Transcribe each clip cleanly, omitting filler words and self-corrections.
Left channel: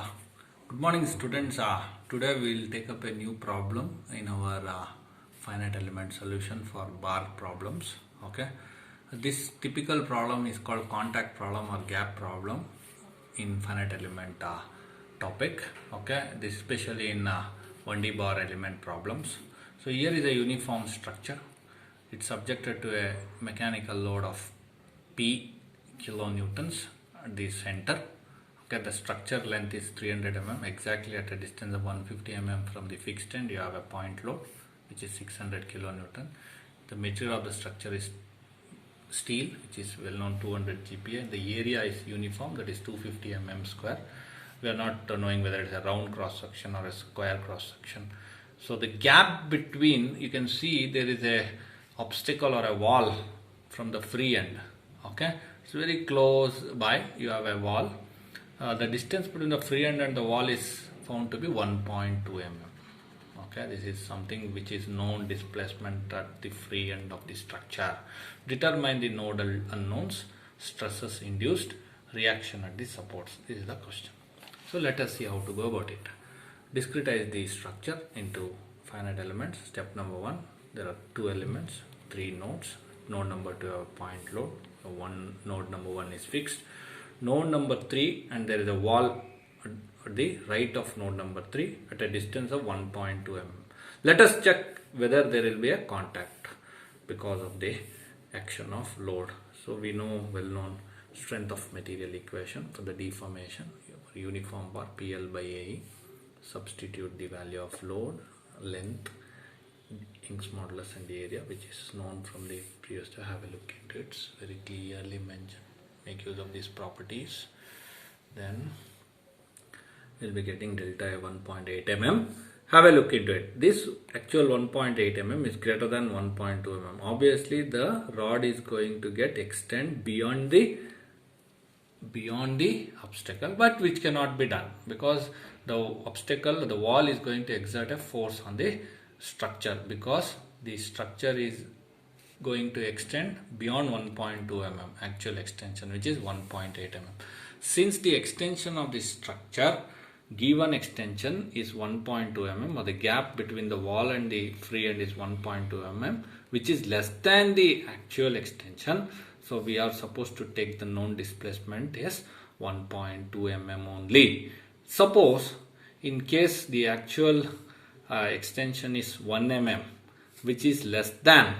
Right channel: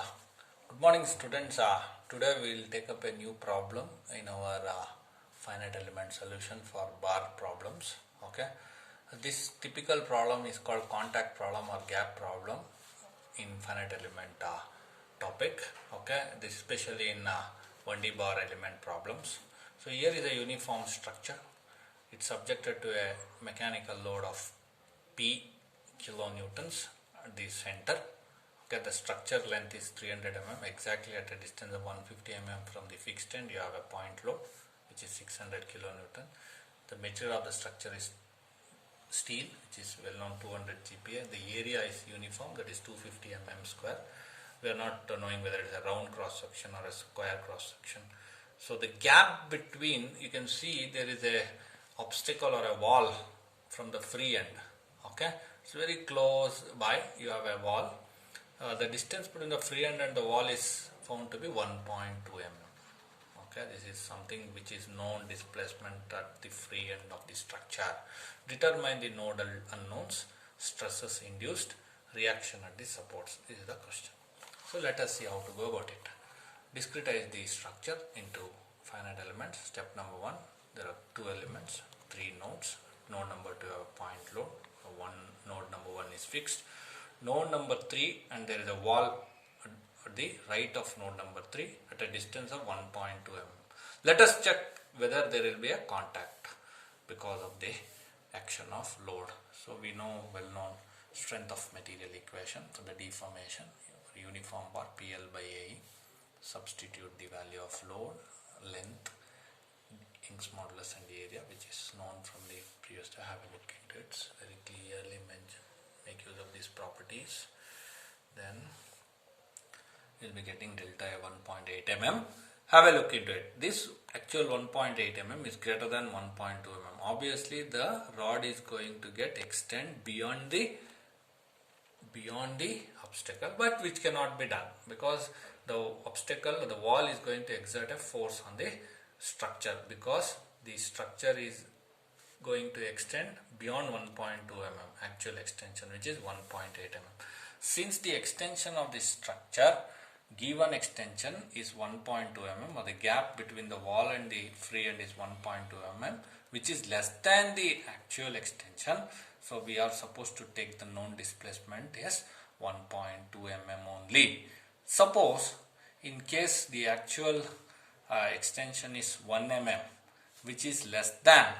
Yeah. Good morning, students. Today we will take up a new problem in our finite element solution for bar problems. Okay. This typical problem is called contact problem or gap problem in finite element topic. Okay. This especially in 1D bar element problems. So here is a uniform structure. It's subjected to a mechanical load of P kilonewtons at the center. Okay, the structure length is 300 mm, exactly at a distance of 150 mm from the fixed end. You have a point load which is 600 kilonewton. The material of the structure is steel, which is well known 200 GPa. The area is uniform, that is 250 mm square. We are not knowing whether it's a round cross section or a square cross section. So the gap between, you can see there is a obstacle or a wall from the free end. Okay, it's very close by. You have a wall. The distance between the free end and the wall is found to be 1.2 mm. Okay, this is something which is known displacement at the free end of the structure. Determine the nodal unknowns, stresses induced, reaction at the supports. This is the question. So let us see how to go about it. Discretize the structure into finite elements. Step number 1. There are 2 elements, 3 nodes. Node number 2 have a point load. Node number 1 is fixed. Node number 3, and there is a wall at the right of node number 3 at a distance of 1.2 mm. Let us check whether there will be a contact because of the action of load. So we know well known strength of material equation for the deformation. Uniform bar PL by AE. Substitute the value of load, length, Young's modulus and the area, which is known from the previous. To have a look into it, it's very clearly mentioned. Make use of these properties. Then we'll be getting delta 1.8 mm. Have a look into it. This actual 1.8 mm is greater than 1.2 mm. Obviously the rod is going to get extend beyond the obstacle, but which cannot be done because the obstacle, the wall is going to exert a force on the structure because the structure is going to extend beyond 1.2 mm actual extension, which is 1.8 mm. Since the extension of the structure, given extension is 1.2 mm, or the gap between the wall and the free end is 1.2 mm, which is less than the actual extension. So we are supposed to take the known displacement as 1.2 mm only. Suppose in case the actual extension is 1 mm, which is less than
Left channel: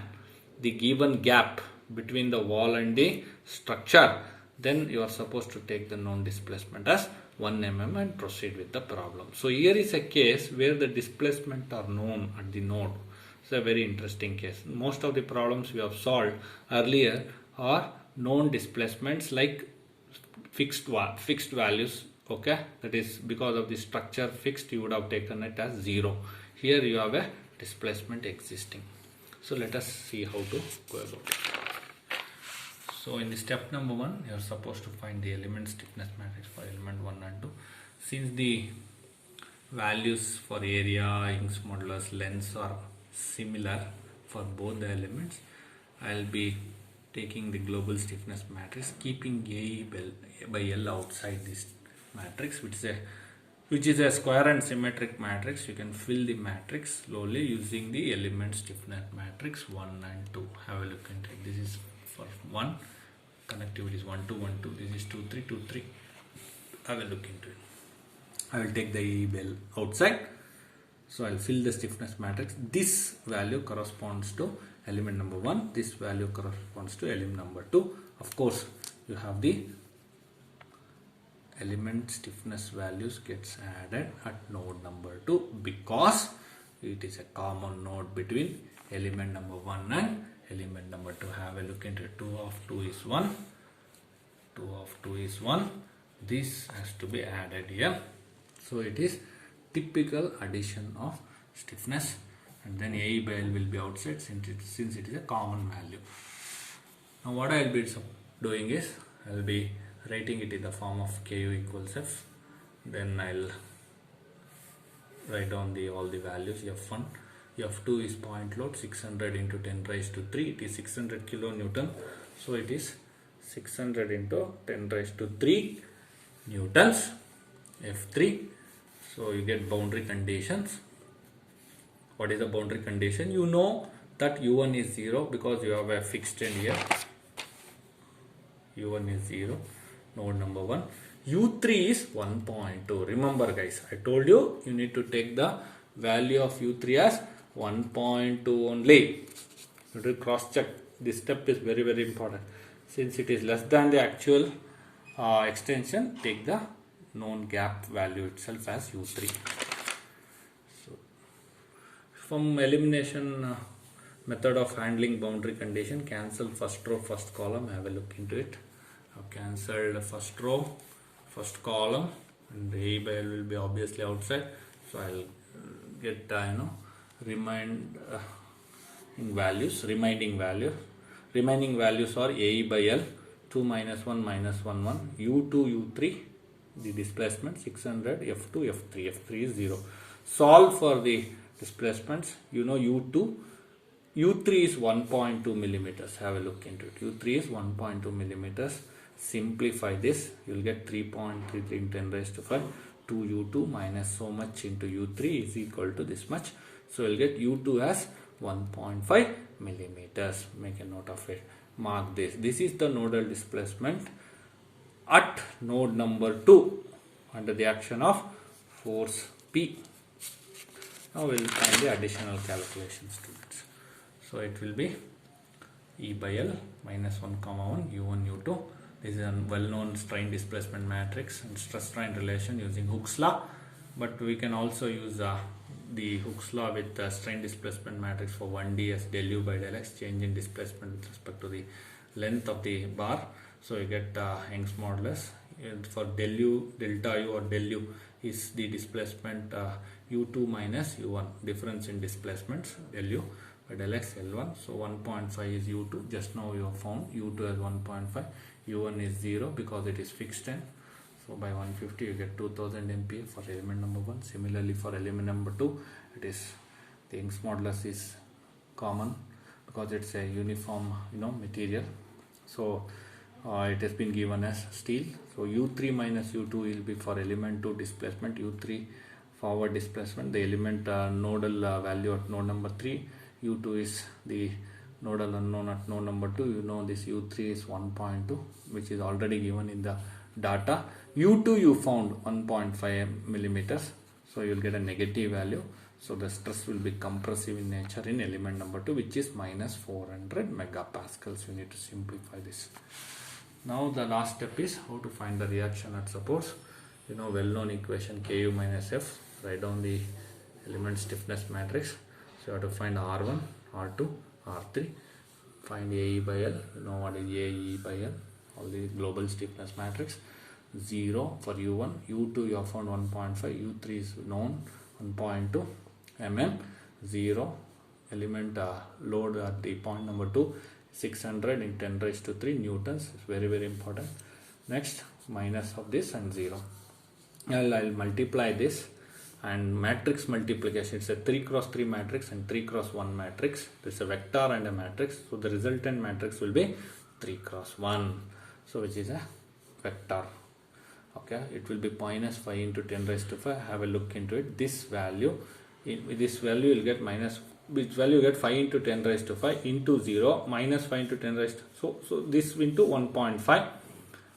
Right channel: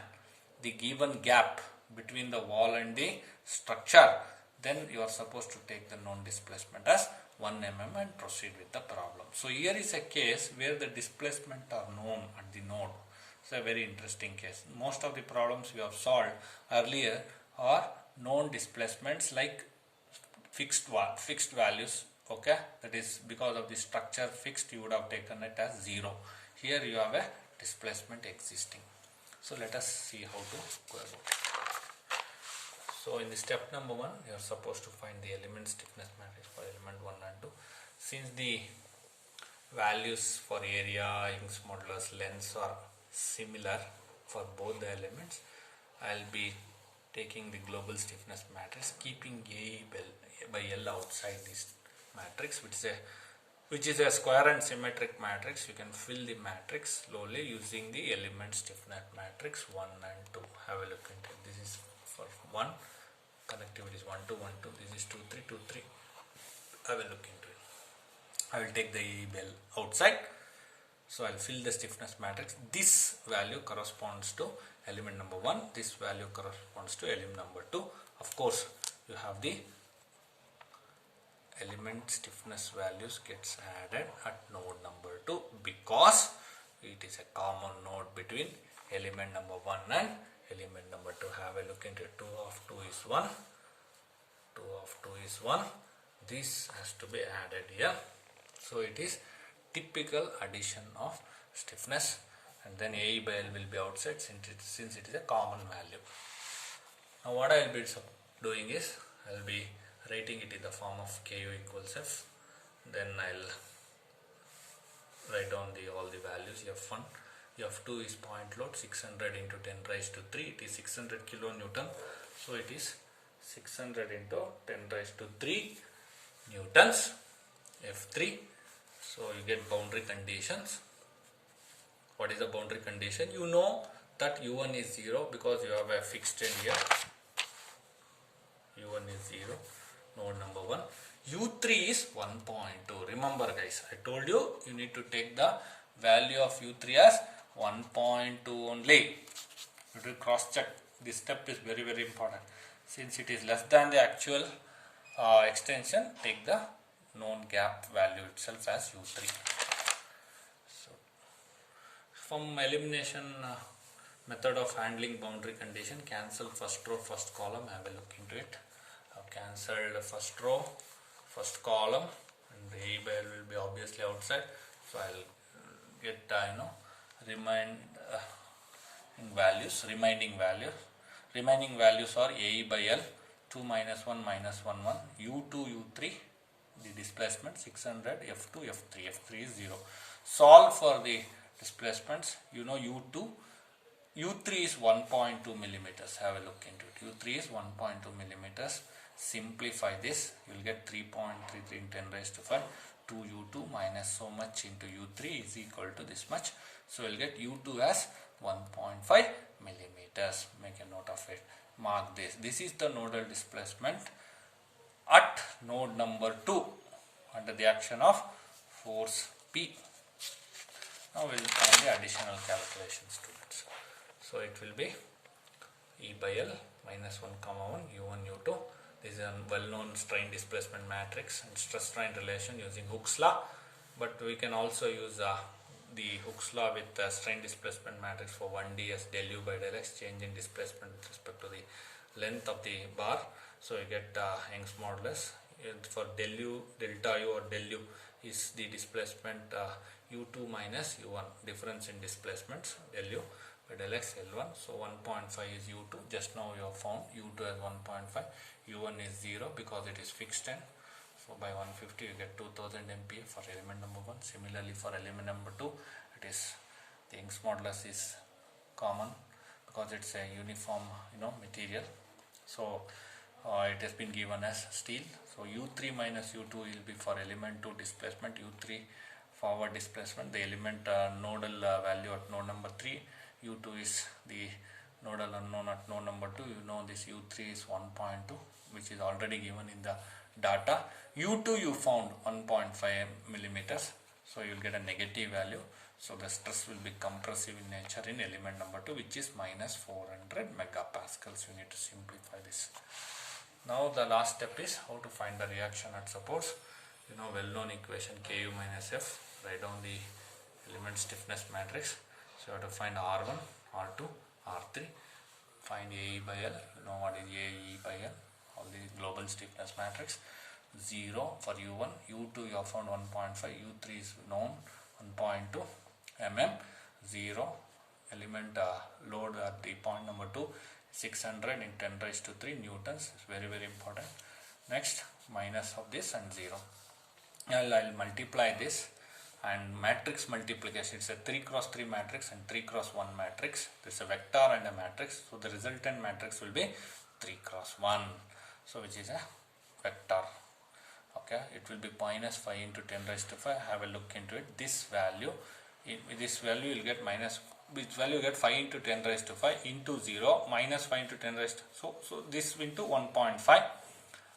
the given gap between the wall and the structure, then you are supposed to take the known displacement as 1 mm and proceed with the problem. So here is a case where the displacement are known at the node. It's a very interesting case. Most of the problems we have solved earlier are known displacements like fixed values. Okay, that is because of the structure fixed, you would have taken it as 0. Here you have a displacement existing. So let us see how to go about it. So in the step number 1, you are supposed to find the element stiffness matrix for element 1 and 2. Since the values for area, Young's modulus, lengths are similar for both the elements, I will be taking the global stiffness matrix, keeping A by L outside this matrix, which is a square and symmetric matrix. You can fill the matrix slowly using the element stiffness matrix 1 and 2. Have a look into it. This is for 1, connectivity is 1 2 1 2. This is 2 3 2 3. Have a look into it. I will take the E bell outside. So I will fill the stiffness matrix. This value corresponds to element number 1. This value corresponds to element number 2. Of course, you have the element stiffness values gets added at node number 2 because it is a common node between element number 1 and element number 2. Have a look into it. 2 of 2 is 1. 2 of 2 is 1. This has to be added here. So it is typical addition of stiffness, and then A by L will be outside since it is a common value. Now what I will be doing is I will be writing it in the form of Ku equals F. Then I will write down all the values. F1, F2 is point load 600 into 10 raised to 3. It is 600 kilonewton. So it is 600 into 10 raised to 3 newtons. F3. So you get boundary conditions. What is the boundary condition? You know that U1 is 0 because you have a fixed end here. U1 is 0, node number 1. U3 is 1.2. Remember guys, I told you need to take the value of U3 as 1.2 only. You will cross check. This step is very important. Since it is less than the actual extension, take the known gap value itself as U3. So, from elimination method of handling boundary condition, cancel first row, first column. Have a look into it. I've cancelled first row, first column, and the A by L will be obviously outside. So I'll get remaining values are A by L, 2 minus 1 minus 1 1, U2 U3, the displacement 600, F2 F3 is 0. Solve for the displacements. You know U3 is 1.2 millimeters. Have a look into it. U3 is 1.2 millimeters. Simplify this, you will get 3.33 in 10 raised to 5. 2U2 minus so much into U3 is equal to this much. So you will get U2 as 1.5 millimeters. Make a note of it. Mark this. This is the nodal displacement at node number 2 under the action of force P. Now we will find the additional calculations to it. So it will be E by L minus 1 comma 1 U1 U2. This is a well-known strain displacement matrix and stress strain relation using Hooke's law, but we can also use the Hooke's law with the strain displacement matrix for 1D as del U by del X, change in displacement with respect to the length of the bar. So you get Young's modulus. And for del U, delta U or del U is the displacement U2 minus U1, difference in displacements, del U by del X L1. So 1.5 is U2. Just now you have found U2 as 1.5. U1 is 0 because it is fixed end. So by 150 you get 2000 MPa for element number 1. Similarly for element number 2, it is the Young's modulus is common because it's a uniform material. So it has been given as steel. So U3 minus U2 will be for element 2 displacement, U3 forward displacement, the element nodal value at node number 3. U2 is the nodal unknown at node number 2. You know this U3 is 1.2, which is already given in the data. U2 you found 1.5 millimeters, so you will get a negative value. So the stress will be compressive in nature in element number 2, which is minus 400 megapascals. You need to simplify this. Now the last step is how to find the reaction at supports. You know well-known equation Ku minus F. Write down the element stiffness matrix. So you have to find R1, R2, R3. Find AE by L. You know what is AE by L. All the global stiffness matrix. 0 for U1. U2 you have found 1.5. U3 is known 1.2 mm. 0 element load at the point number 2. 600 in 10 raised to 3 newtons. It's very important. Next minus of this and 0. I'll multiply this and matrix multiplication. It's a 3 cross 3 matrix and 3 cross 1 matrix. It's a vector and a matrix. So the resultant matrix will be 3 cross 1. So which is a vector. Okay, it will be minus 5 into 10 raised to 5. Have a look into it. This value will get minus, which value you get 5 into 10 raised to 5 into 0 minus 5 into 10 raised to, so this into 1.5.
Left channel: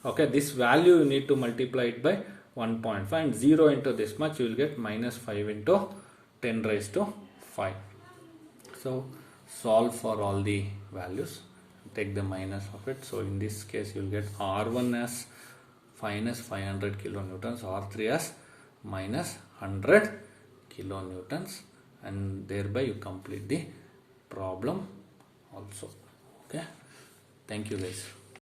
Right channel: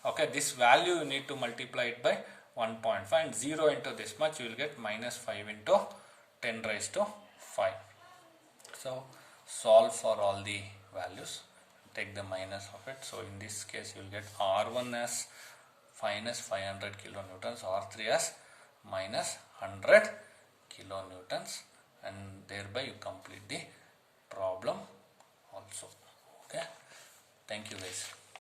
Okay, this value you need to multiply it by 1.5 and 0 into this much you will get minus 5 into 10 raised to 5. So solve for all the values, take the minus of it. So in this case you will get R1 as minus 500 kilonewtons, R3 as minus 100 kilonewtons, and thereby you complete the problem also. Okay, thank you guys.